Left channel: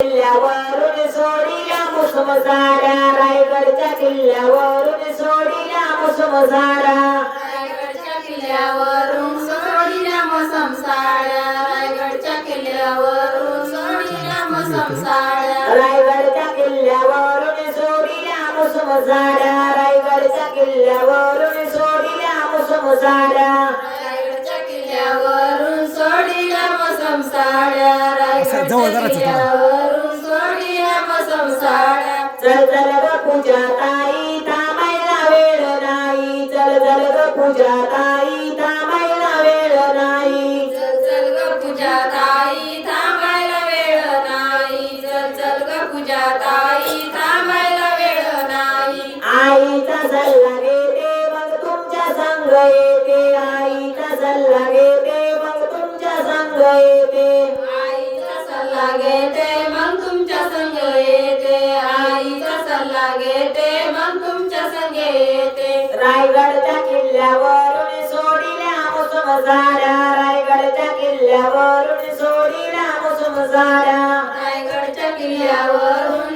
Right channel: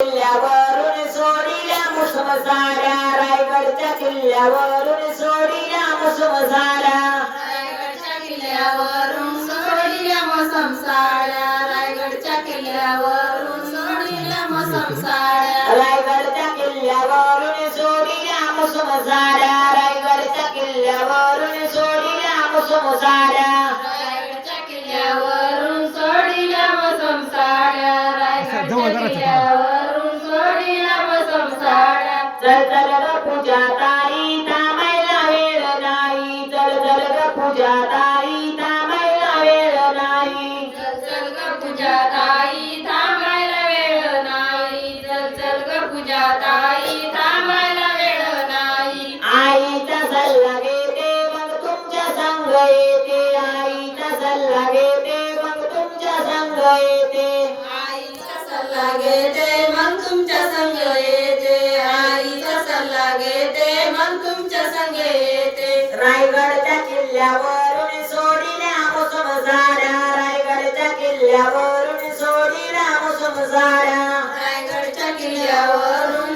किल्ल्यावरून सोडीला मुसम साड्या रायगडच्या किल्ल्यावरून सोडीला मुसम साड्या रायगडच्या किल्ल्यावरून मोसम साड्या रायगडच्या किल्ल्यावरून सोडीला मोसम साड्या रायगडच्या किल्ल्यावरून सोडीला मुसम साड्या रायगडच्या किल्ल्यावरून सोडीला मुसम साड्या रायगडच्या किल्ल्यावरून सोडीला मोसम साड्या रायगडच्या साड्या चल चल ग पूजा ताई थांबायला वेळ नाही. चल चल ग पूजा ताई थांबायला वेळ नाही. चल चल ग पूजा ताई थांबायला वेळ नाही. चल चल ग पूजा ताई थांबायला वेळ नाही. आईचा सल्ला घेते मग तुमच्या संग येते. आईचा सल्ला घेते मग तुमच्या संग येते. आईचा सल्ला घेते मग तुमच्या संग घेते मग तुमच्या संग येते. रायगडच्या किल्ल्यावरून सोडीला मुसम साड्या रायगडच्या किल्ल्यावरून सोडीला मुसम साड्या रायगडच्या किल्ल्यावरून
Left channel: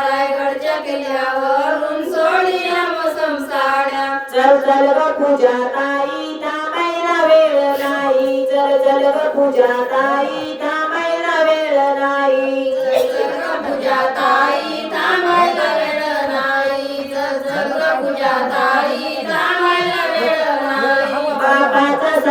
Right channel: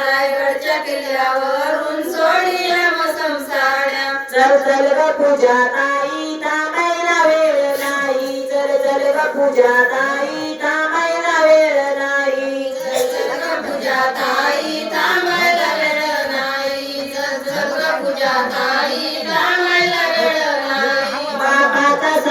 रायगडच्या किल्ल्यावरून चल चल ग पूजा ताई थांबायला वेळ नाही. चल चल ग पूजा ताई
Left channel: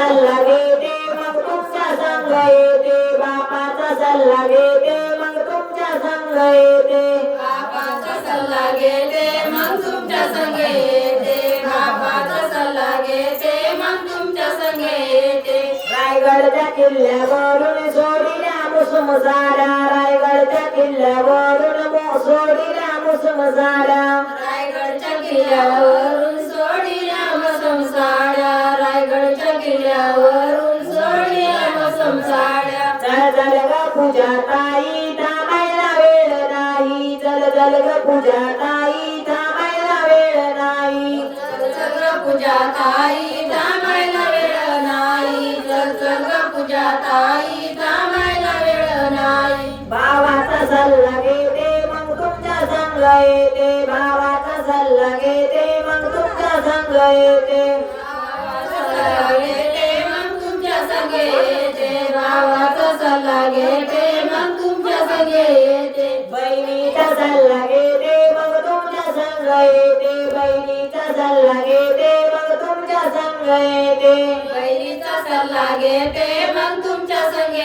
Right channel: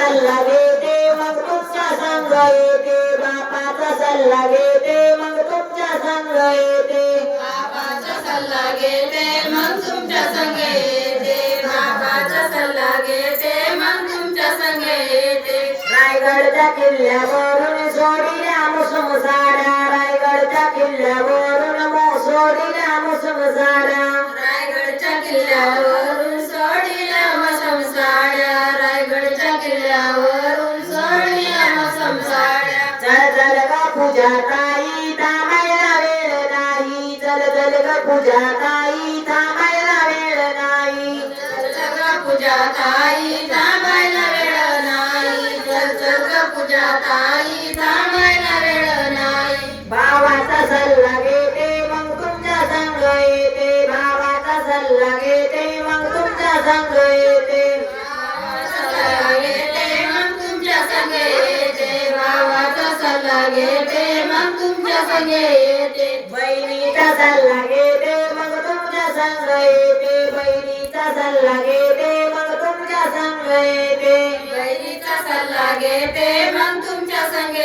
सल्ला घेते मग तुमच्या संग येते. बापाचा सल्ला घेते मग तुमच्या संग येते. बाबाचा सल्ला घेते मग तुमच्या संग येते. बाबाचा सल्ला घेते मग तुमच्या संग येते. रायगडच्या किल्ल्यावरून सोडीला मुसम साड्या रायगडच्या किल्ल्यावरून मो- सोडीला मुसम साड्या रायगडच्या किल्ल्यावरून सोडीला चल चल ग पूजा ताई थांबायला वेळ नाही. चल चल ग पूजा ताई थांबायला वेळ नाही. चल चल ग पूजा ताई थांबायला वेळ नाही. चल चल ग पूजा ताई थांबायला वेळ नाही. भावाचा सल्ला घेते मग तुमच्या संग येते. भावाचा सल्ला घेते मग तुमच्या संग येते. तुमच्या संग येते बहिणीचा सल्ला घेते मग तुमच्या संग येते बहिणीचा सल्ला घेते मग तुमच्या संग येते बहिणीचा सल्ला घेते मग तुमच्या संग